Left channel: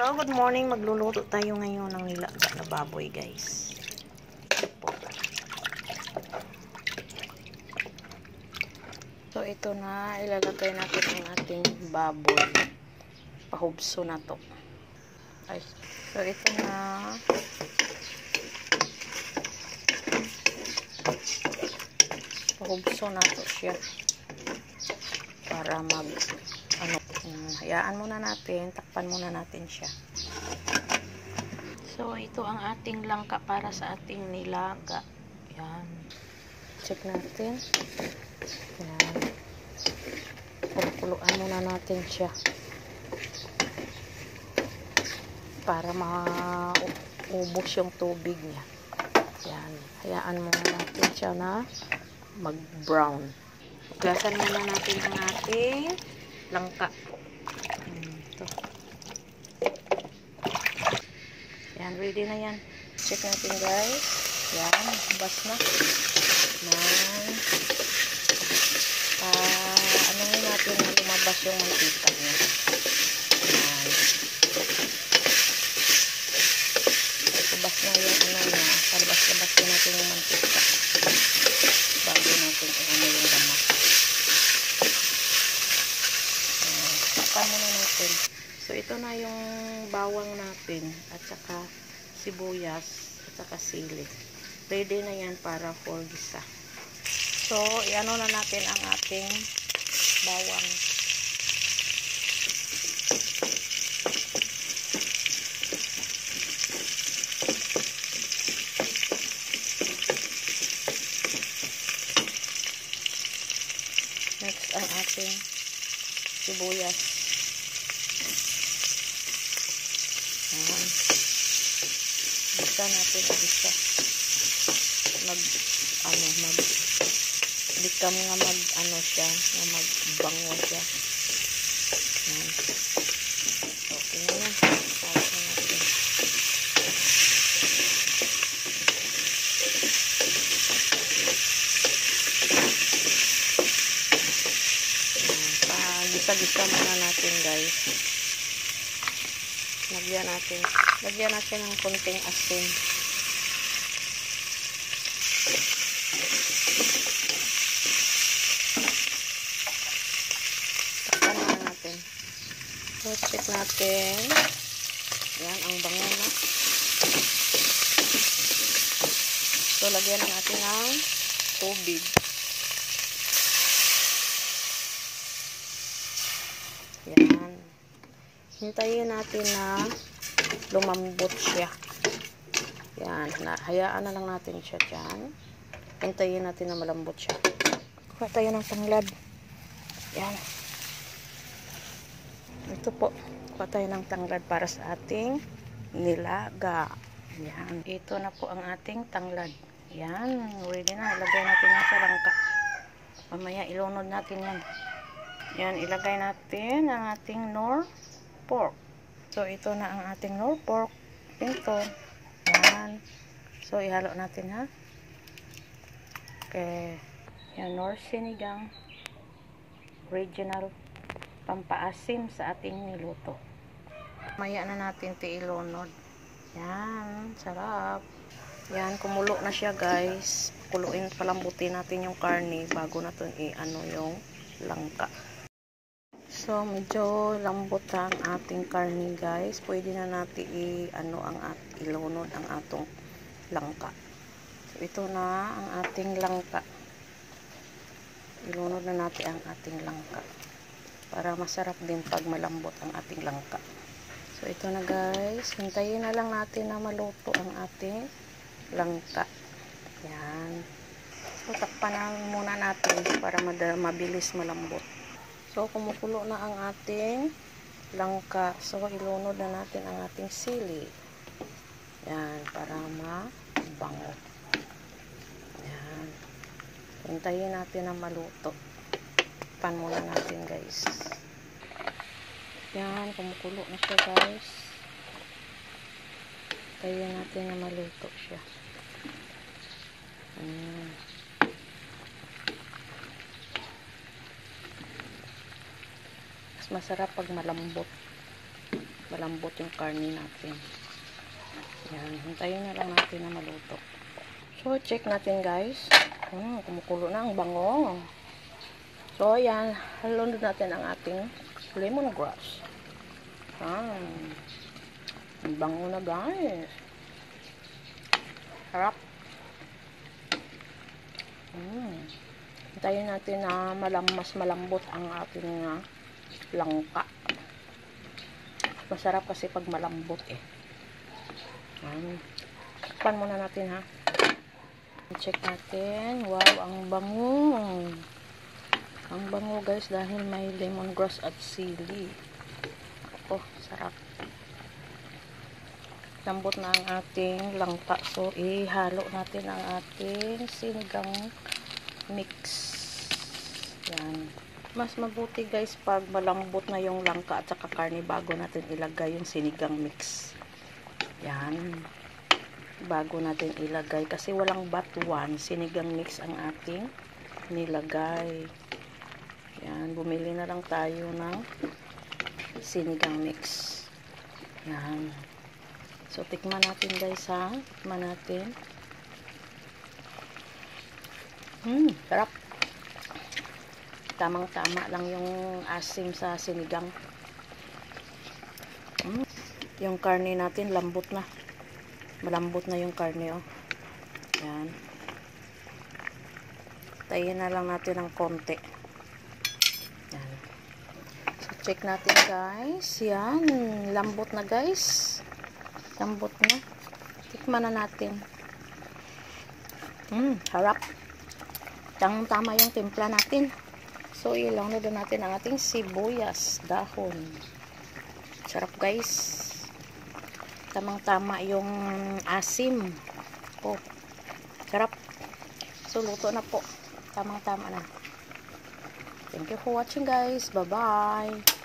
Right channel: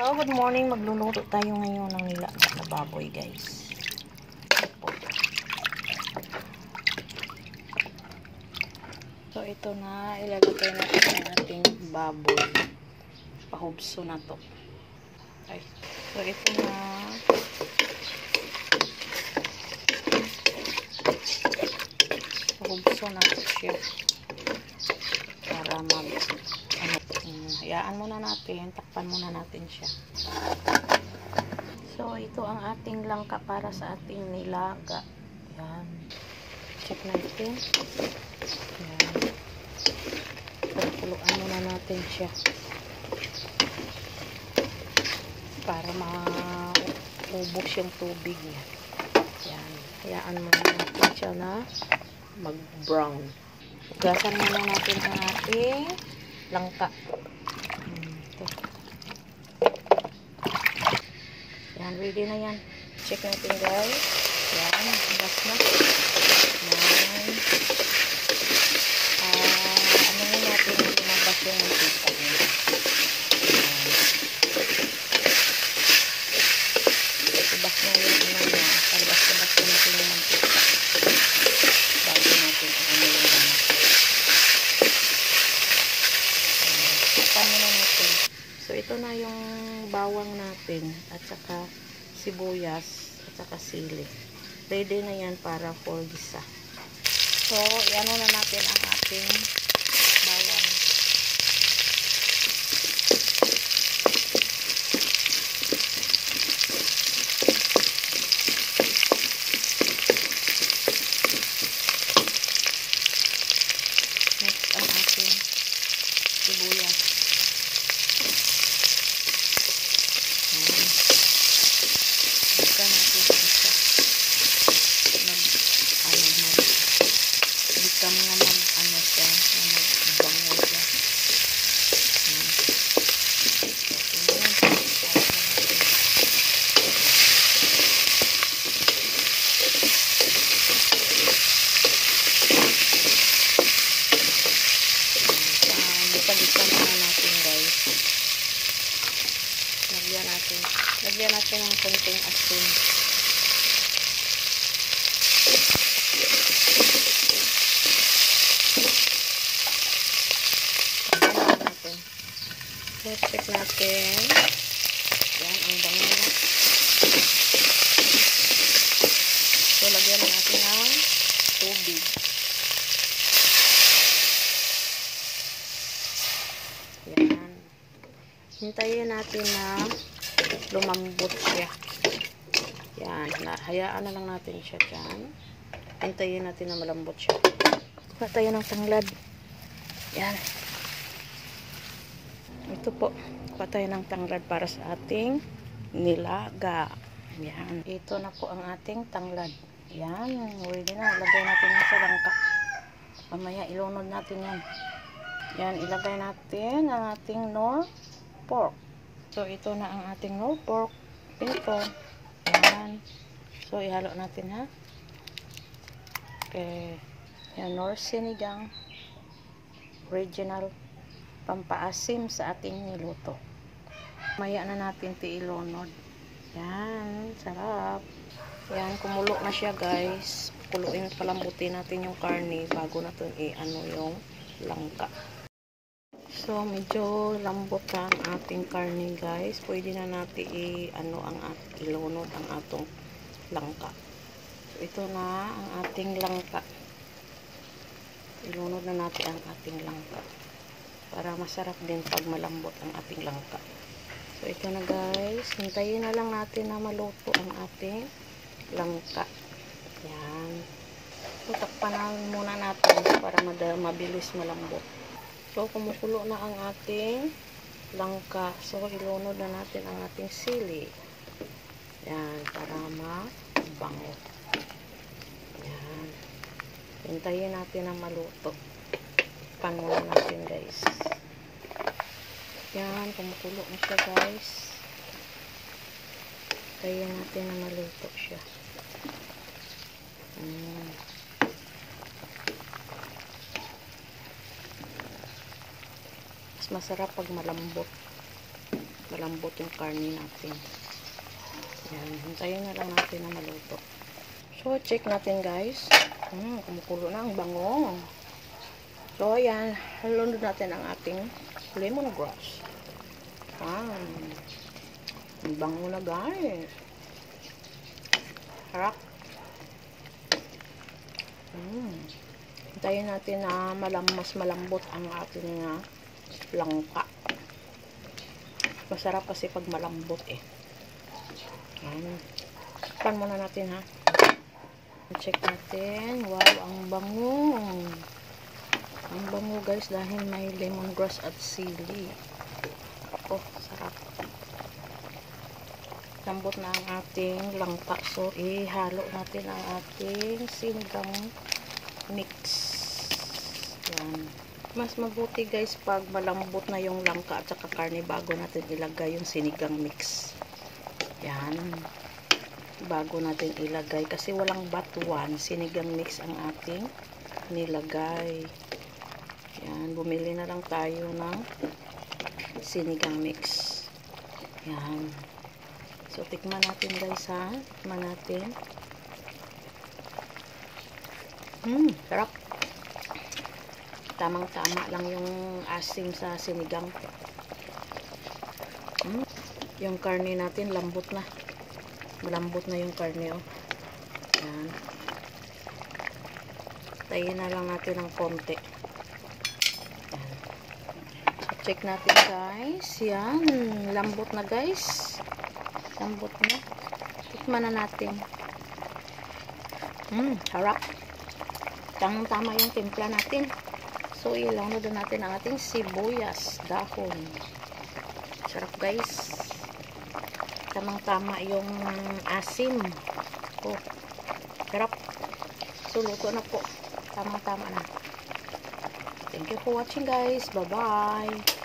Hello, good morning. Magluluto tayo ngayon ng nilaga na baboy, guys. So, ito na. Ilalagay natin ang ating baboy. Pahubso na to. Okay. So, ito na. Pahubso na to siya. Para hayaan muna natin, takpan muna natin siya. So, ito ang ating langka para sa ating nilaga. Yan. Check natin. Yan. Pagkuluan muna natin siya. Para maubos yung tubig niya. Yan. Hayaan muna natin siya na mag-brown. Gasan muna natin ang ating langka. Ito. Yan, ready na yan. Check natin, guys. Yan, bas na. Yan. Ano nga natin na lumabas yung mantika niya. Yan. Labas na yung ano niya. Labas na natin yung mantika. Bago natin ano yung ano. Muna natin. So, ito na yung bawang natin at saka sibuyas at saka sili. Ready na yan para for gisa. So, iano na natin ang ating bawang. Next, ang ating sibuyas. Basta natin isa bikam nga siya, na magbango siya. Gisa muna natin, guys. Lagyan natin ng konting asin. Takpan natin. So, check natin. Yan, ang bango na. So, lagyan natin ng tubig. Yan. Hintayin natin na lumambot siya. Yan. Hayaan na lang natin siya dyan. Hintayin natin na malambot siya. Kuha tayo ng tanglad. Yan. Ito po. Kuha tayo ng tanglad para sa ating nilaga. Yan. Ito na po ang ating tanglad. Yan. Ready na. Ilagay natin yan sa langka. Mamaya ilunod natin yan. Yan. Ilagay natin ang ating nor pork. So, ito na ang ating nor pork. Ito. Yan. So, ihalo natin, ha. Okay. Yan, nor sinigang. Original. Pampaasim sa ating niluto. Maya na natin ilunod. Yan. Sarap. Yan. Kumulo na siya, guys. Palambutin natin yung karne bago natin i-ano yung langka. So, medyo lambot ang ating karne, guys. Pwede na natin ilunod ang atong langka. So, ito na ang ating langka. Ilunod na natin ang ating langka. Para masarap din pag malambot ang ating langka. So, ito na, guys. Hintayin na lang natin na maluto ang ating langka. Yan. So, takpan muna natin para mabilis malambot. So, kumukulo na ang ating langka. So, ilunod na natin ang ating sili. Yan, para mabango. Yan. Hintayin natin na maluto. Pan muna natin, guys. Yan, kumukulo na siya, guys. Hintayin natin na maluto siya. Masarap pag malambot. malambot yung karne natin. Yan, hintayin na lang natin na maluto. So, check natin guys. Kumukulo na ang bango. So, ayan, halunod natin ang ating lemongrass. Ang bango na guys. Harap. Hintayin natin na mas malambot ang ating langka. Masarap kasi pag malambot eh. Pan muna natin ha. Check natin. Wow, ang bango. Ang bango guys dahil may lemongrass at sili. Oh, sarap. Lambot na ang ating langka. So, ihalo natin ang ating sinigang mix. Yan. Mas mabuti guys pag malambot na yung langka at saka karne bago natin ilagay yung sinigang mix. Yan. Bago natin ilagay kasi walang batuan, sinigang mix ang ating nilagay. Yan, bumili na lang tayo ng sinigang mix. Yan. So, tikman natin guys ha. Tikman natin. Sarap. Tamang-tama lang yung asim sa sinigang. Yung karne natin, lambot na. Malambot na yung karne, oh. Yan. Tayin na lang natin ng konti. Yan. So, check natin, guys. Yan. Lambot na, guys. Lambot na. Tikman na natin. Harap. Tama yung timpla natin. So, ilang na doon natin ang ating sibuyas, dahon. Sarap, guys. Tamang-tama yung asim. Oh, sarap. So, luto na po. Tamang-tama na. Thank you for watching guys. Bye-bye.